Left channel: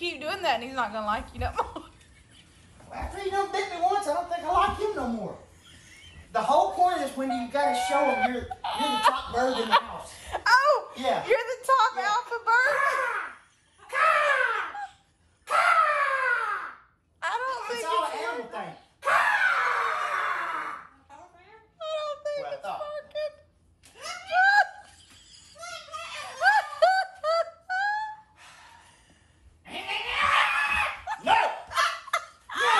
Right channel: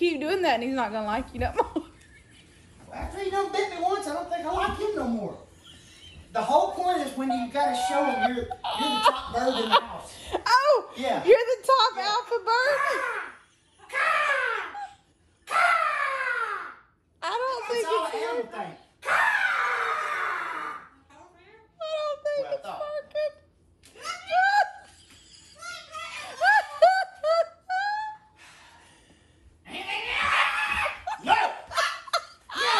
keep doing that and he's not gonna like you no more. After he done bit me once, I don't think I like him no more. The whole point is when you gotta show him you're the top bird in the house. Oh! Yeah. You're the top alpha bird? I don't think It's all an animal thing. What I thought. No! No!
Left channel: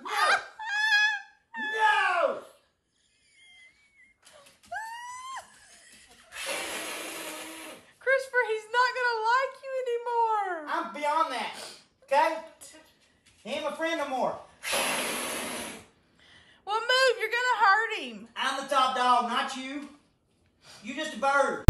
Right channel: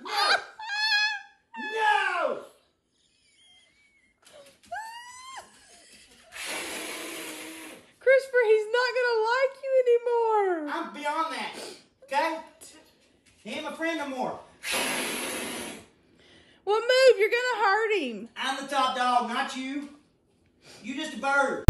No! No! Christopher, he's not gonna like you anymore. I'm beyond that. Okay? He ain't my friend no more. Well, move. You're gonna hurt him. I'm the top dog, not you. You just a bird.